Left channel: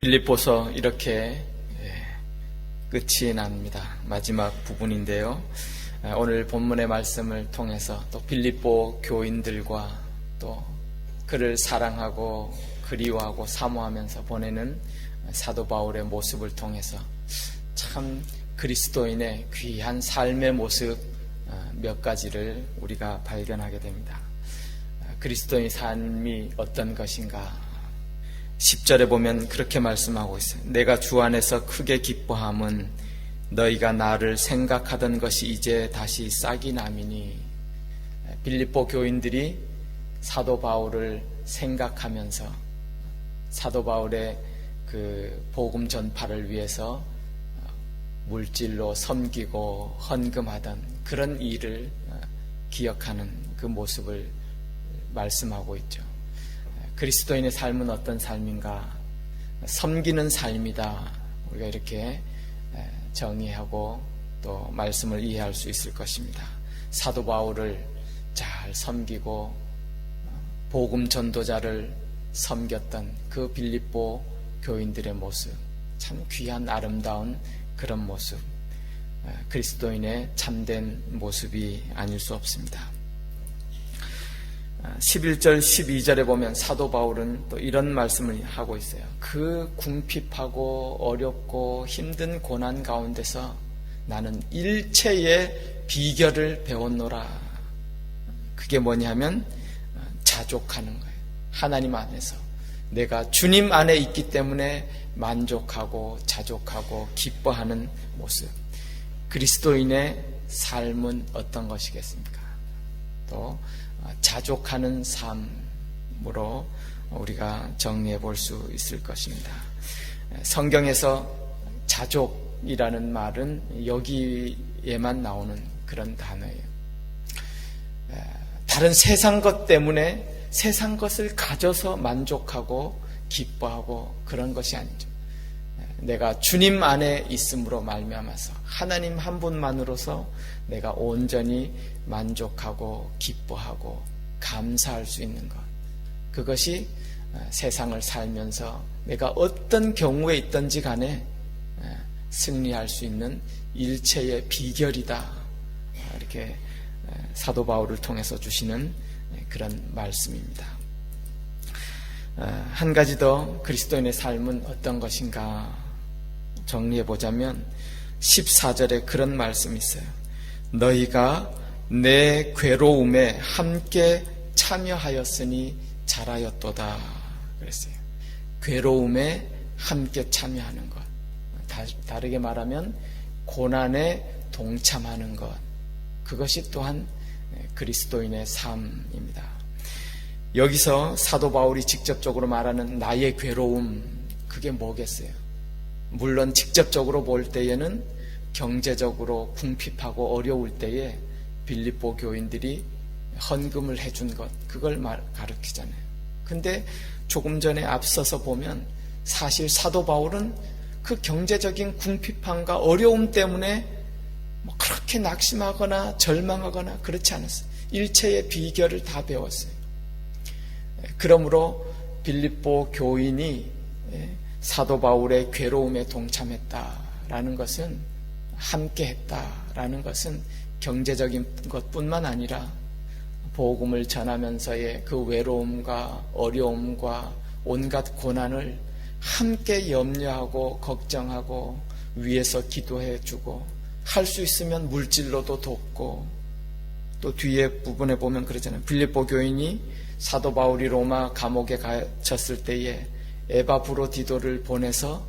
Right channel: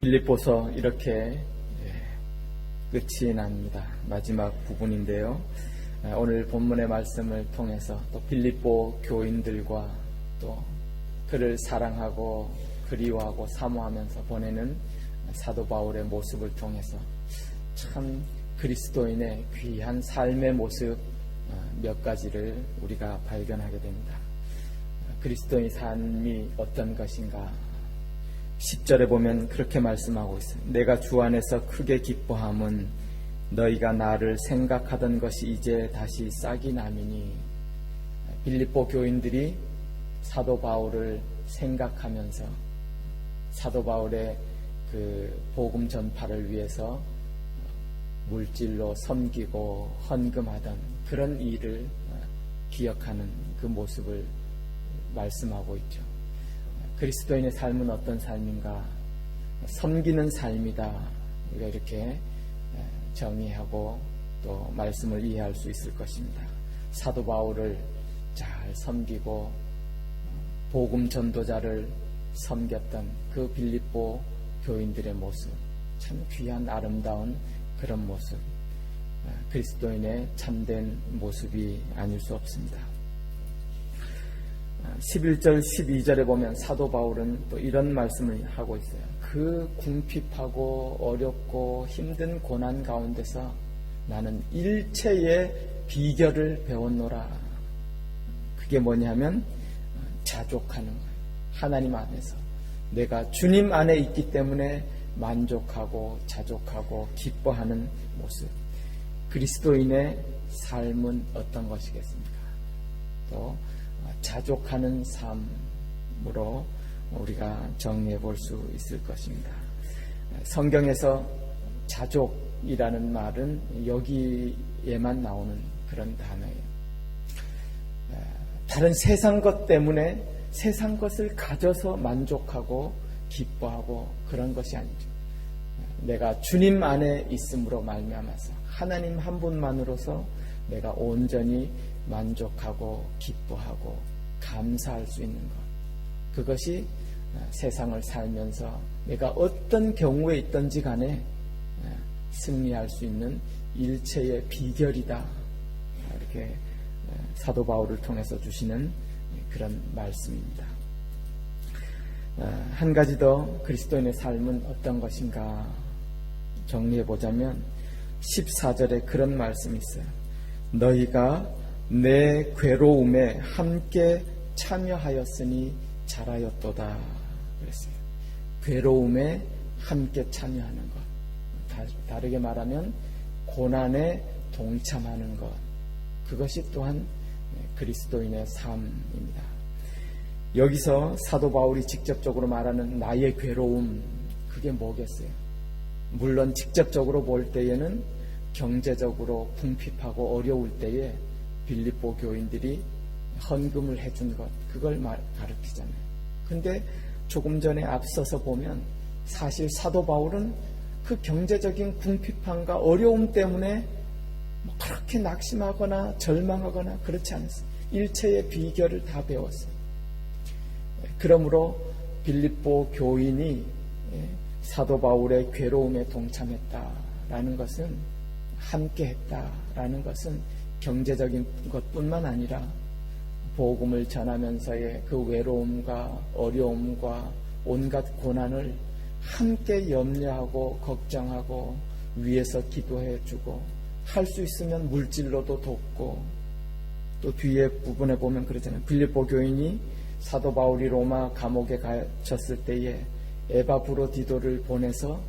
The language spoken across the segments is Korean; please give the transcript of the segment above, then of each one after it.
빌립보서 이렇게 끝이 납니다. 마지막 부분인데요. 오늘 본문의 말씀을 통해서 또 빌립보 교인들과 또 그를 사랑하고 그리워하고 사모하면서 보내는 사도 바울의 모습을 통해서 참 그리스도인의 귀한 삶의 모습 몇 가지를 우리가 발견하게 됩니다. 그리스도인의 삶이 어떤 것인가? 10절에 보면 그렇게 말씀하고 있어요. 내가 주 안에서 크게 기뻐함은 너희가 나를 생각하던 것이 이제 다시 싹이 나미니. 빌립보 교인들이 사도 바울을 생각하면서 사도 바울의 그 복음 전파를 위해서 물질로 섬기고 헌금하던 그런 일을 기억하는 그 모습을 말씀하고 있죠. 그리스도인의 삶은 어떤 삶인가? 섬기는 삶이다. 우리가 이렇게 정의하고 또 말씀을 이해할 수 있을 것입니다. 사도 바울을 잘 섬기고 복음 전도자를 섬겼던 그 빌립보 교인들의 모습, 참 귀한 아름다운 그런 모습, 그리스도인의 참된 모습이 아닐 수 없습니다. 11절 12절에 보면 사도 바울은 또 이런 말씀을 하고 있어요. 그 궁핍하고 어렵고 힘든 고난 가운데서 나는 일체의 비결을 배웠노라. 그게 뭐냐면 자족하는 거예요. 하나님 안에서 내가 주님 안에 있기 때문에 만족하고 자족하고 기뻐하는 모습. 그리스도인의 삶은 어떤 것이겠습니까? 또 자족하는 삶으로 우리가 정리해 볼 수 있을 것입니다. 성경에서 자족이라는 말은 여기에만 나오는 그런 단어예요. 다른 세상 것 때문에 세상 것을 가져서 만족하고 기뻐하고 그런 것이 아니죠. 내가 주님 안에 있음으로 말미암아서 하나님 한 분만으로서 내가 온전히 만족하고 기뻐하고 감사할 수 있는 것, 그것이 세상을 살면서 내가 어떤 경우에 있든지 간에 승리할 수 있는 일체의 비결이다. 이렇게 사도 바울을 통해서 주시는 그런 말씀입니다. 한 가지 더 그리스도인의 삶은 어떤 것인가 정리해 보자면 14절에 그런 말씀이 있어요. 너희가 내 괴로움에 함께 참여하였으니 잘하였도다 그랬어요. 괴로움에 함께 참여하는 것, 다르게 말하면 고난에 동참하는 것, 그것이 또한 그리스도인의 삶입니다. 여기서 사도 바울이 직접적으로 말하는 나의 괴로움, 그게 뭐겠어요? 물론 직접적으로 볼 때에는 경제적으로 궁핍하고 어려울 때에 빌립보 교인들이 헌금을 해준 것, 그걸 가르치잖아요. 근데 조금 전에 앞서서 보면 사실 사도 바울은 그 경제적인 궁핍함과 어려움 때문에 그렇게 낙심하거나 절망하거나 그렇지 않았어요. 일체의 비결을 다 배웠어요. 그러므로 빌립보 교인이 사도 바울의 괴로움에 동참했다라는 것은, 함께 했다라는 것은 경제적인 것뿐만 아니라 복음을 전하면서의 그 외로움과 어려움과 온갖 고난을 함께 염려하고 걱정하고 위에서 기도해 주고, 할 수 있으면 물질로도 돕고, 또 뒤에 부분에 보면 그러잖아요. 빌립보 교인이 사도 바울이 로마 감옥에 갇혔을 때에 에바브로디도를 보내서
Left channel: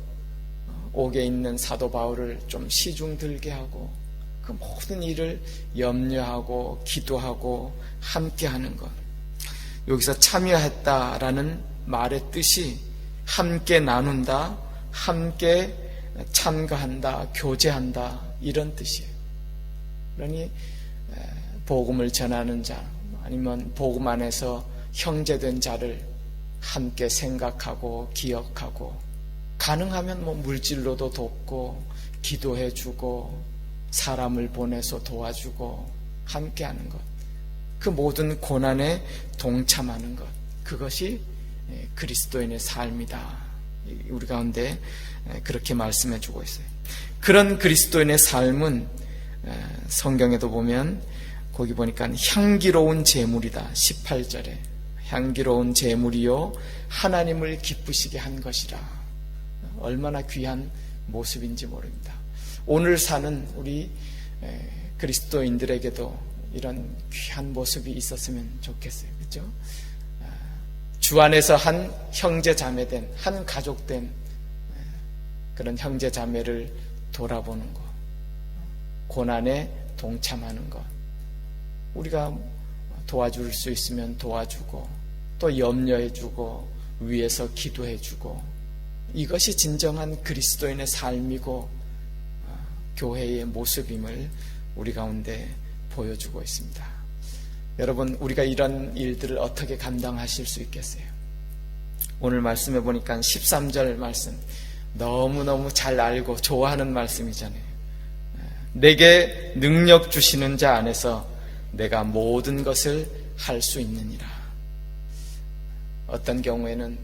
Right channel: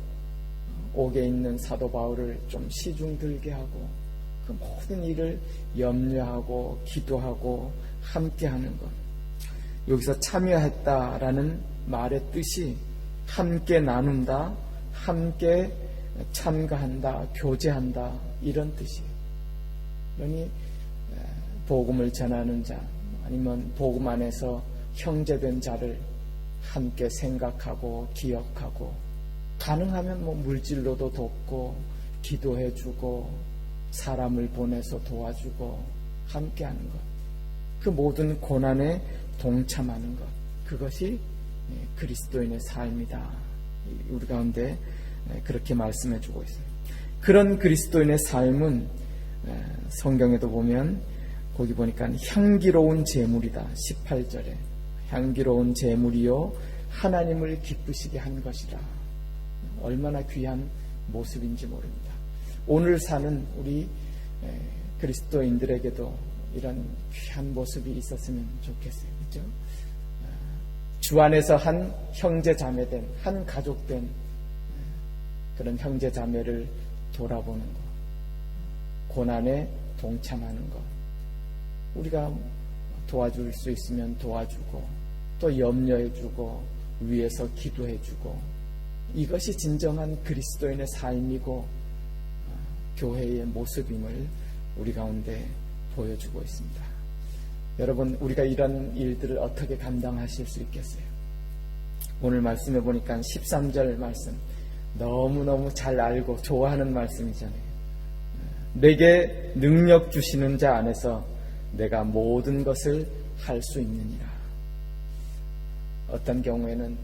옥에 있는 사도 바울을 좀 시중 들게 하고 그 모든 일을 염려하고 기도하고 함께하는 것. 여기서 참여했다라는 말의 뜻이 함께 나눈다, 함께 참가한다, 교제한다, 이런 뜻이에요. 그러니 복음을 전하는 자, 아니면 복음 안에서 형제된 자를 함께 생각하고 기억하고, 가능하면 물질로도 돕고 기도해주고 사람을 보내서 도와주고 함께하는 것, 그 모든 고난에 동참하는 것, 그것이 그리스도인의 삶이다. 우리 가운데 그렇게 말씀해 주고 있어요. 그런 그리스도인의 삶은 성경에도 보면 거기 보니까 향기로운 제물이다. 18절에 향기로운 제물이요 하나님을 기쁘시게 한 것이라. 얼마나 귀한 모습인지 모릅니다. 오늘 사는 우리 그리스도인들에게도 이런 귀한 모습이 있었으면 좋겠어요. 그렇죠? 주 안에서 한 형제 자매된, 한 가족된 그런 형제 자매를 돌아보는 것, 고난에 동참하는 것, 우리가 도와줄 수 있으면 도와주고 또 염려해주고 위에서 기도해주고, 이것이 진정한 그리스도인의 삶이고 교회의 모습임을 우리 가운데 보여주고 있습니다. 여러분, 우리가 이런 일들을 어떻게 감당하실 수 있겠어요? 오늘 말씀해 보니까 13절 말씀 너무너무 잘 알고 좋아하는 말씀이잖아요. 내게 능력 주시는 자 안에서 내가 모든 것을 할 수 있느니라. 어떤 경우에는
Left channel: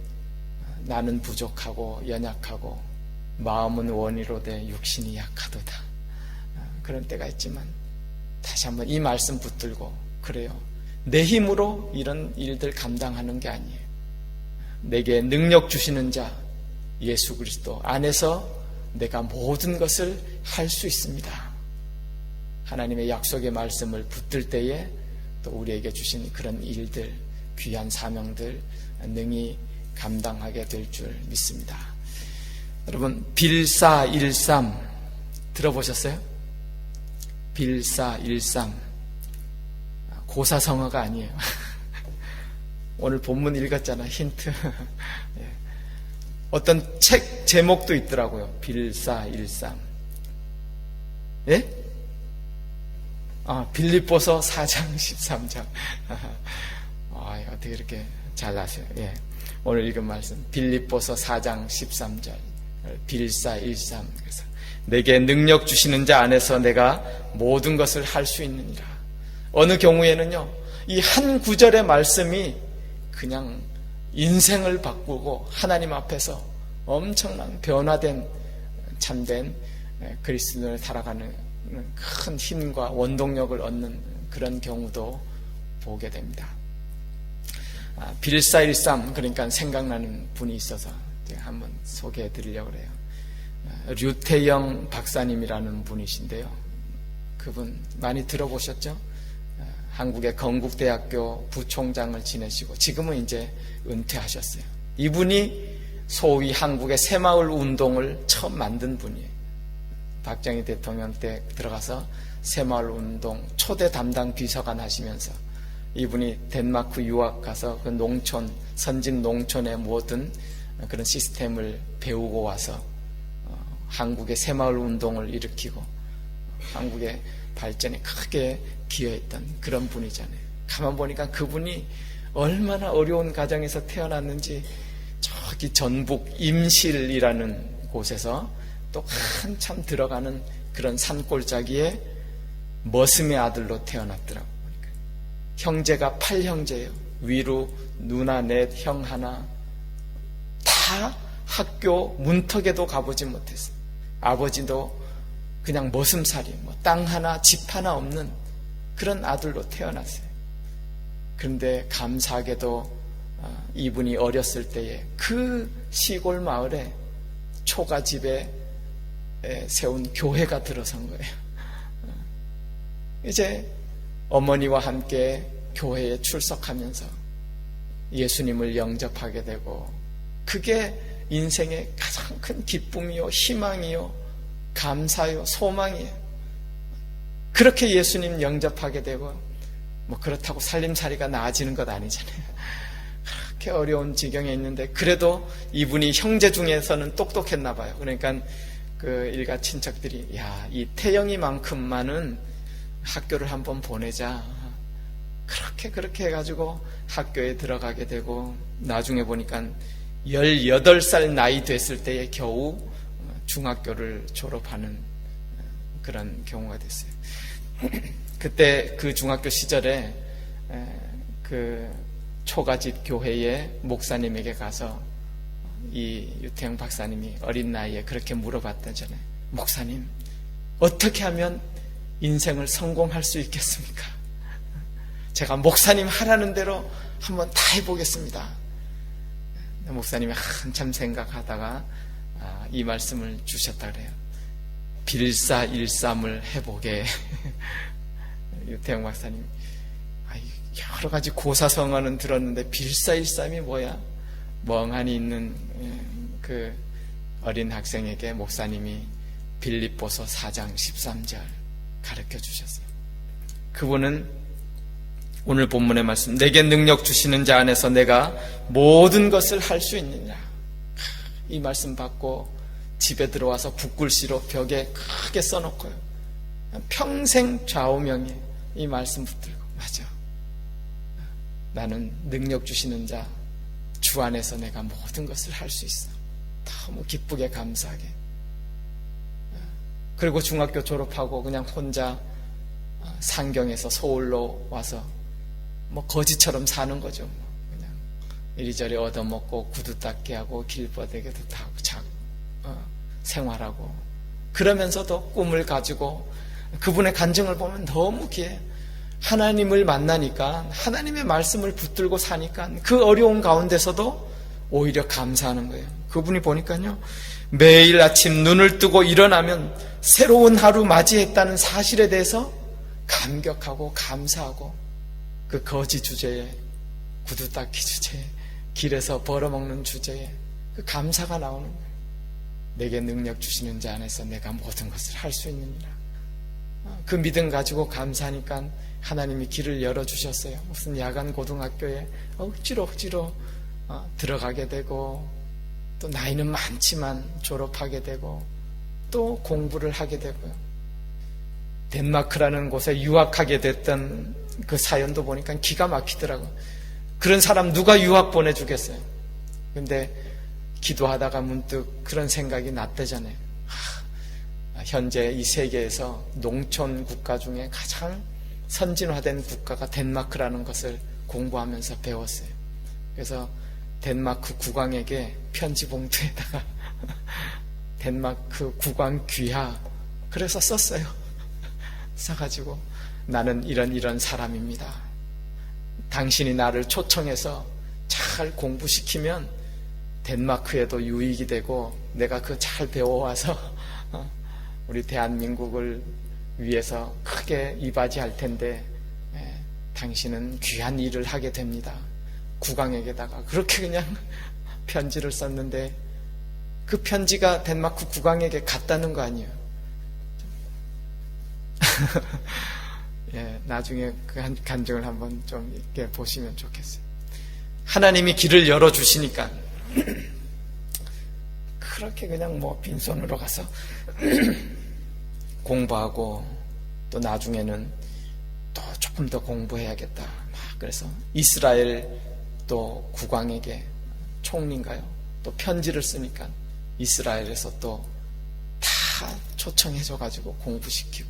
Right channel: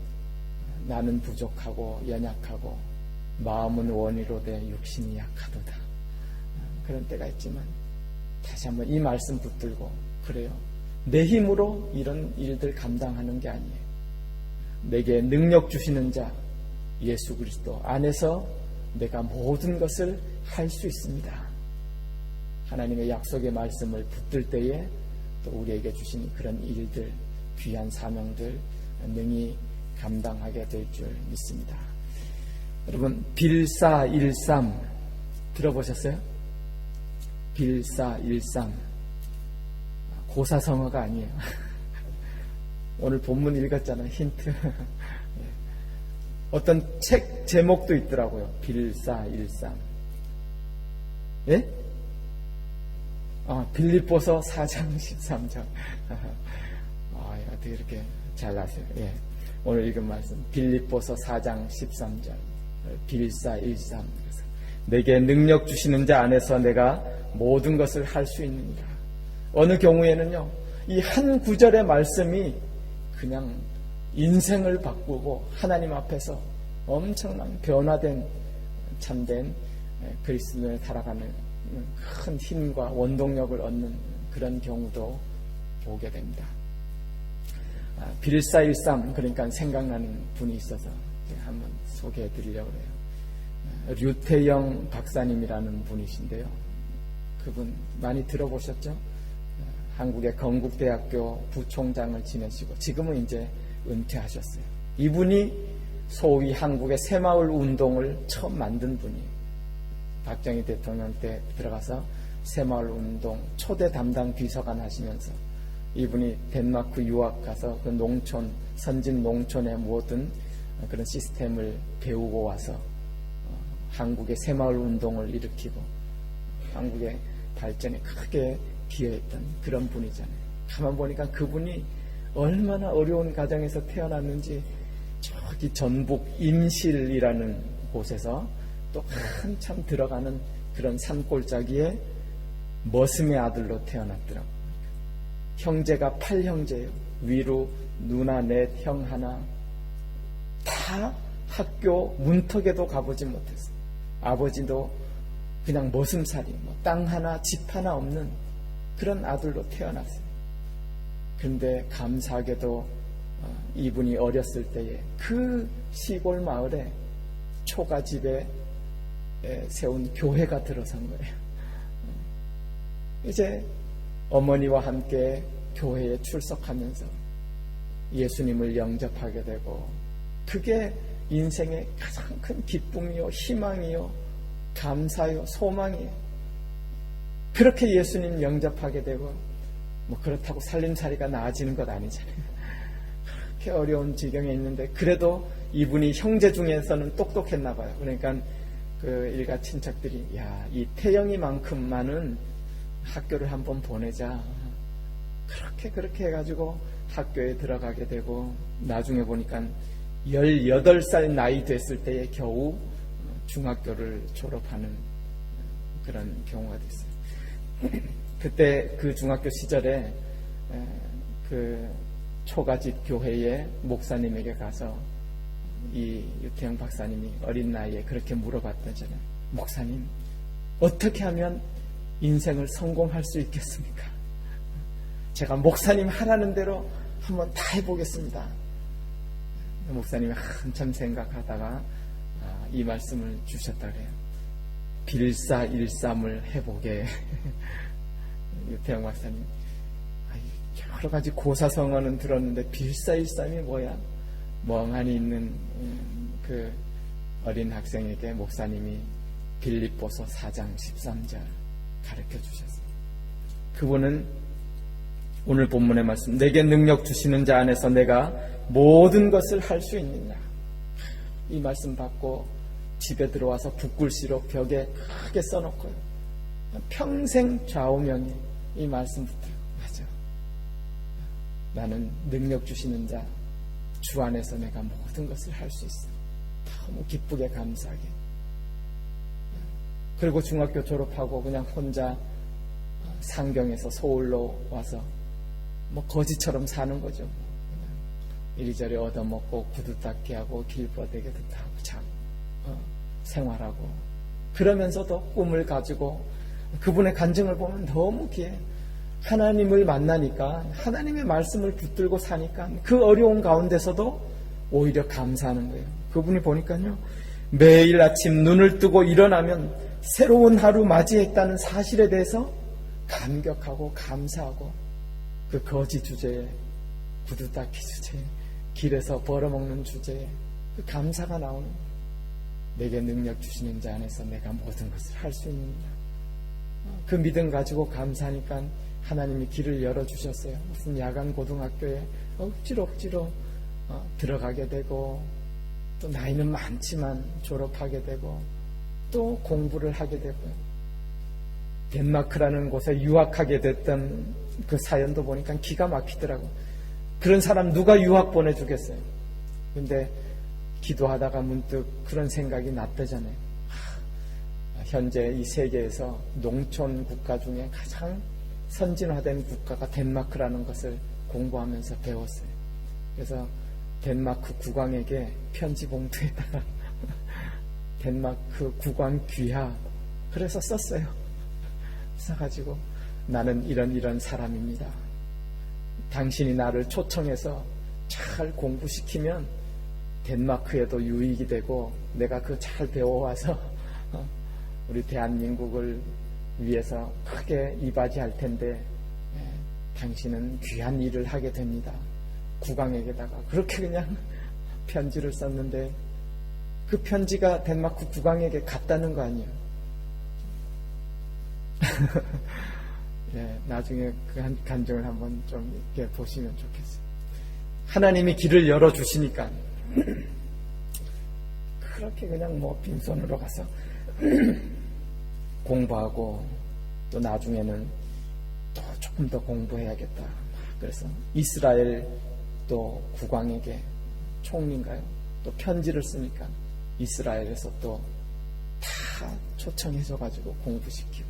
나는 부족하고 연약하고 마음은 원이로되 육신이 약하도다. 그런 때가 있지만 다시 한번 이 말씀 붙들고, 그래요, 내 힘으로 이런 일들 감당하는 게 아니에요. 내게 능력 주시는 자 예수 그리스도 안에서 내가 모든 것을 할 수 있습니다. 하나님의 약속의 말씀을 붙들 때에 또 우리에게 주신 그런 일들, 귀한 사명들 능히 감당하게 될 줄 믿습니다. 여러분, 빌사일삼 들어보셨어요? 빌사일삼 고사성어가 아니에요. 오늘 본문 읽었잖아, 힌트. 어떤 책 제목도 있더라고요. 빌사일삼. 예? 빌립보서 4장 13장. 어떻게 이렇게 잘 아세요? 예. 오늘 읽은 말씀 빌립보서 4장 13절 빌사일삼. 그래서 내게 능력 주시는 자 안에서 내가 모든 것을 할 수 있느니라. 어느 경우에는요, 이 한 구절의 말씀이 그냥 인생을 바꾸고 하나님 앞에서 엄청난 변화된 참된 그리스도인을 살아가는 큰 힘과 원동력을 얻는 그런 경우도 보게 됩니다. 빌사일삼, 그러니까 생각나는 분이 있어서 제가 한번 소개해 드리려고 해요. 류태영 박사님이라는 분이신데요. 그분 많이 들어보셨죠? 한국의 건국대학교 부총장을 지내시고 지금은 이제 은퇴하셨어요. 이분이 소위 한국의 새마을 운동을 처음 만든 분이에요. 박정희 대통령 때 들어가서 새마을 운동 초대 담당 비서관 하시면서 이분이 덴마크 유학 가서 그 농촌, 선진 농촌의 모든 그런 시스템을 배우고 와서 한국의 새마을 운동을 일으키고 한국의 발전에 크게 기여했던 그런 분이잖아요. 가만 보니까 그분이 얼마나 어려운 가정에서 태어났는지 저기 전북 임실이라는 곳에서 또 한참 들어가는 그런 산골짜기에 머슴의 아들로 태어났더라고요. 형제가 8형제예요. 위로 누나 넷, 형 하나. 다 학교 문턱에도 가보지 못했어요. 아버지도 그냥 머슴살이, 땅 하나, 집 하나 없는 그런 아들로 태어났어요. 그런데 감사하게도 이분이 어렸을 때에 그 시골 마을에 초가집에 세운 교회가 들어선 거예요. 이제 어머니와 함께 교회에 출석하면서 예수님을 영접하게 되고, 그게 인생의 가장 큰 기쁨이요, 희망이요, 감사요, 소망이에요. 그렇게 예수님 영접하게 되고, 그렇다고 살림살이가 나아지는 것 아니잖아요. 그렇게 어려운 지경에 있는데 그래도 이분이 형제 중에서는 똑똑했나 봐요. 그러니까 그 일가 친척들이, 야, 이 태영이만큼만은 학교를 한번 보내자. 그렇게 해가지고 학교에 들어가게 되고, 나중에 보니까 18살 나이 됐을 때에 겨우 중학교를 졸업하는 그런 경우가 됐어요. 그때 그 중학교 시절에 그 초가집 교회의 목사님에게 가서 이 유태영 박사님이 어린 나이에 그렇게 물어봤다잖아요. 목사님, 어떻게 하면 인생을 성공할 수 있겠습니까? 제가 목사님 하라는 대로 한번 다 해보겠습니다. 목사님이 한참 생각하다가 이 말씀을 주셨다 그래요. 빌사일삼을 해보게. 유태영 박사님, 여러 가지 고사성어는 들었는데 빌사일삼이 뭐야? 멍하니 있는 그 어린 학생에게 목사님이 빌립보서 4장 13절 가르쳐 주셨어요. 그분은 오늘 본문의 말씀, 내게 능력 주시는 자 안에서 내가 모든 것을 할 수 있느냐, 이 말씀 받고 집에 들어와서 붓글씨로 벽에 크게 써놓고요, 평생 좌우명이 이 말씀 붙들고, 맞아, 나는 능력 주시는 자 주 안에서 내가 모든 것을 할 수 있어. 너무 기쁘게 감사하게. 그리고 중학교 졸업하고 그냥 혼자 상경에서 서울로 와서 뭐 거지처럼 사는 거죠. 그냥 이리저리 얻어먹고 구두 닦기 하고 길바닥에도 타고 자고 생활하고, 그러면서도 꿈을 가지고 그분의 간증을 보면 너무 귀해. 하나님을 만나니까, 하나님의 말씀을 붙들고 사니까 그 어려운 가운데서도 오히려 감사하는 거예요. 그분이 보니까요, 매일 아침 눈을 뜨고 일어나면 새로운 하루 맞이했다는 사실에 대해서 감격하고 감사하고, 그 거지 주제에, 구두 닦기 주제에, 길에서 벌어먹는 주제에 그 감사가 나오는 거예요. 내게 능력 주시는 자 안에서 내가 모든 것을 할 수 있느니라. 그 믿음 가지고 감사하니까 하나님이 길을 열어주셨어요. 무슨 야간 고등학교에 억지로 들어가게 되고, 또 나이는 많지만 졸업하게 되고, 또 공부를 하게 되고, 덴마크라는 곳에 유학하게 됐던 그 사연도 보니까 기가 막히더라고요. 그런 사람 누가 유학 보내주겠어요? 근데 기도하다가 문득 그런 생각이 났대잖아요. 현재 이 세계에서 농촌 국가 중에 가장 선진화된 국가가 덴마크라는 것을 공부하면서 배웠어요. 그래서 덴마크 국왕에게 편지 봉투에다가 덴마크 국왕 귀하 그래서 썼어요. 써가지고, 나는 이런 사람입니다. 당신이 나를 초청해서 잘 공부시키면 덴마크에도 유익이 되고, 내가 그 잘 배워와서 우리 대한민국을 위해서 크게 이바지할 텐데, 당신은 귀한 일을 하게 됩니다. 국왕에게다가 그렇게 그냥 편지를 썼는데, 그 편지가 덴마크 국왕에게 갔다는 거 아니에요. 나중에 그 간증을 한번 좀 이렇게 보시면 좋겠어요. 하나님이 길을 열어주시니까 그렇게 그냥 뭐 빈손으로 가서 공부하고, 또 나중에는 또 조금 더 공부해야겠다. 그래서 이스라엘 또 국왕에게, 총리인가요? 또 편지를 쓰니까 이스라엘에서 또 다 초청해줘가지고 공부시키고,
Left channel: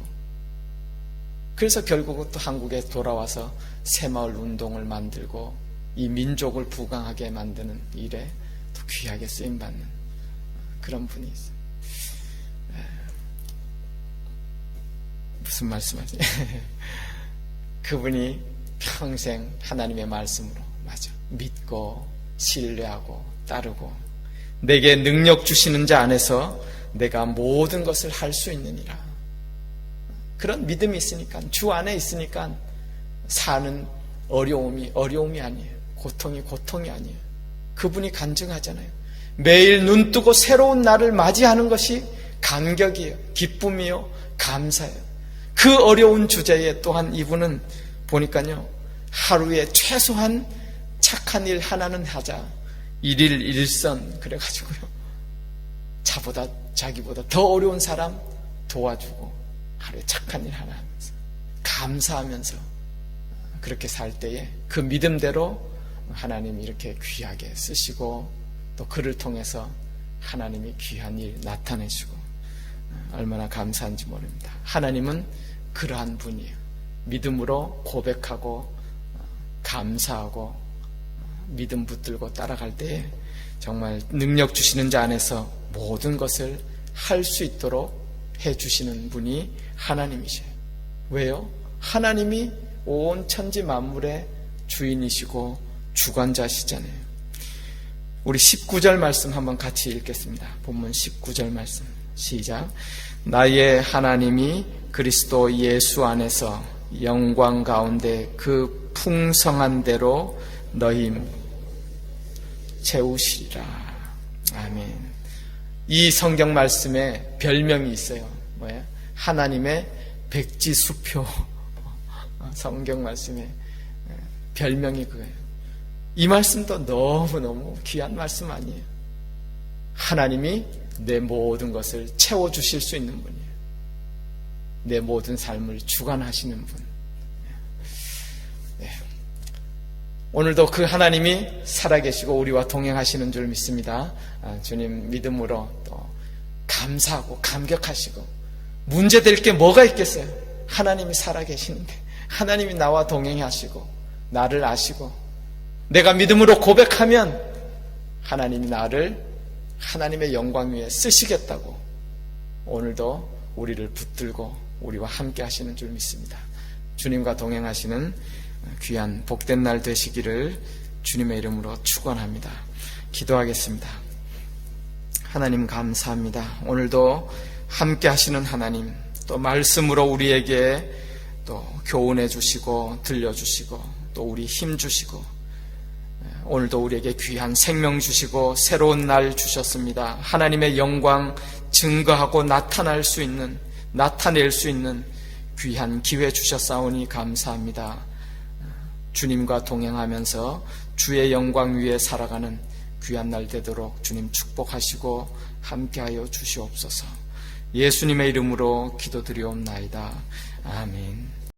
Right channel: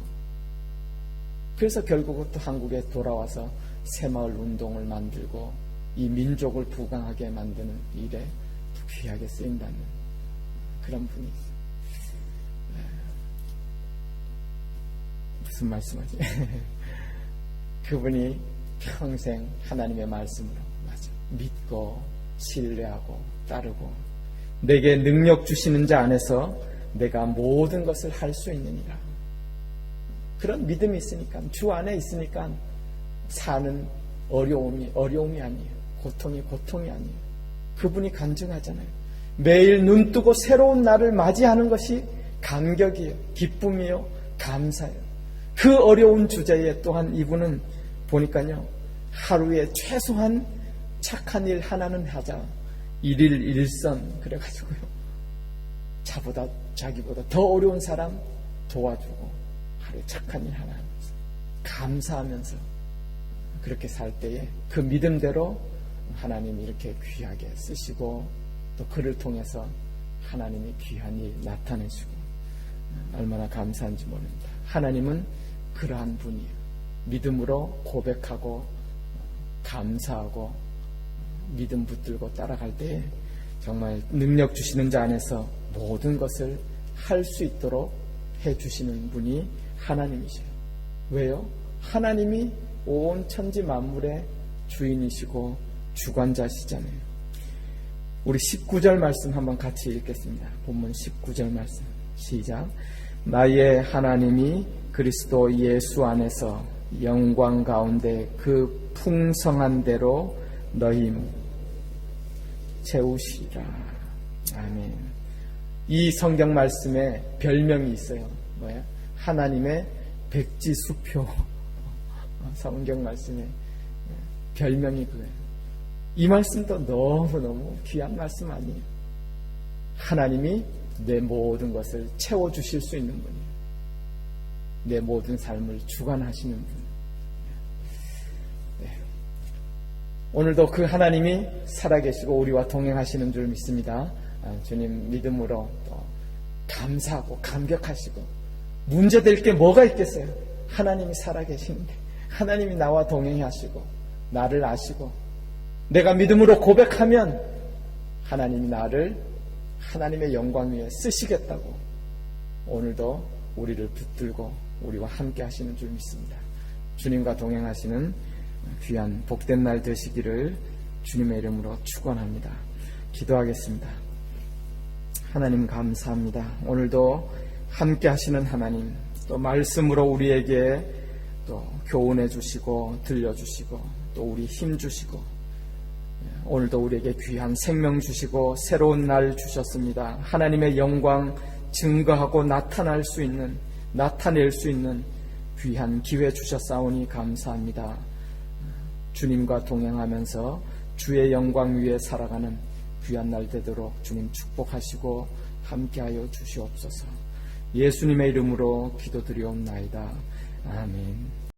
그래서 결국은 또 한국에 돌아와서 새마을 운동을 만들고 이 민족을 부강하게 만드는 일에 또 귀하게 쓰임받는 그런 분이 있어요. 무슨 말씀하지? 그분이 평생 하나님의 말씀으로, 맞아, 믿고 신뢰하고 따르고, 내게 능력 주시는 자 안에서 내가 모든 것을 할 수 있느니라. 그런 믿음이 있으니까, 주 안에 있으니까 사는 어려움이 아니에요. 고통이 아니에요. 그분이 간증하잖아요. 매일 눈 뜨고 새로운 날을 맞이하는 것이 감격이에요. 기쁨이요. 감사예요. 그 어려운 주제에 또한 이분은 보니까요, 하루에 최소한 착한 일 하나는 하자. 일일 일선 그래가지고요, 자기보다 더 어려운 사람 도와주고, 하루에 착한 일 하나 하면서 감사하면서 그렇게 살 때에 그 믿음대로 하나님이 이렇게 귀하게 쓰시고, 또 그를 통해서 하나님이 귀한 일 나타내시고, 얼마나 감사한지 모릅니다. 하나님은 그러한 분이에요. 믿음으로 고백하고 감사하고 믿음 붙들고 따라갈 때에 정말 능력 주시는 자 안에서 모든 것을 할 수 있도록 해주시는 분이 하나님이셔요. 왜요? 하나님이 온 천지 만물의 주인이시고 주관자시잖아요. 우리 19절 말씀 한번 같이 읽겠습니다. 본문 19절 말씀 시작. 나의 하나님이 그리스도 예수 안에서 영광 가운데 그 풍성한 대로 너희 채우시리라. 아멘. 이 성경 말씀에 별명이 있어요. 뭐예요? 하나님의 백지수표. 성경 말씀에 별명이 그거예요. 이 말씀도 너무너무 귀한 말씀 아니에요? 하나님이 내 모든 것을 채워주실 수 있는 분이에요. 내 모든 삶을 주관하시는 분. 네. 오늘도 그 하나님이 살아계시고 우리와 동행하시는 줄 믿습니다. 주님 믿음으로 또 감사하고 감격하시고 문제될 게 뭐가 있겠어요? 하나님이 살아계시는데, 하나님이 나와 동행하시고 나를 아시고 내가 믿음으로 고백하면 하나님이 나를 하나님의 영광 위에 쓰시겠다고 오늘도 우리를 붙들고 우리와 함께 하시는 줄 믿습니다. 주님과 동행하시는 귀한 복된 날 되시기를 주님의 이름으로 축원합니다. 기도하겠습니다. 하나님 감사합니다. 오늘도 함께 하시는 하나님, 또 말씀으로 우리에게 또 교훈해 주시고 들려주시고 또 우리 힘 주시고 오늘도 우리에게 귀한 생명 주시고 새로운 날 주셨습니다. 하나님의 영광 증거하고 나타낼 수 있는 귀한 기회 주셨사오니 감사합니다. 주님과 동행하면서 주의 영광 위에 살아가는 귀한 날 되도록 주님 축복하시고 함께하여 주시옵소서. 예수님의 이름으로 기도드리옵나이다. 아멘.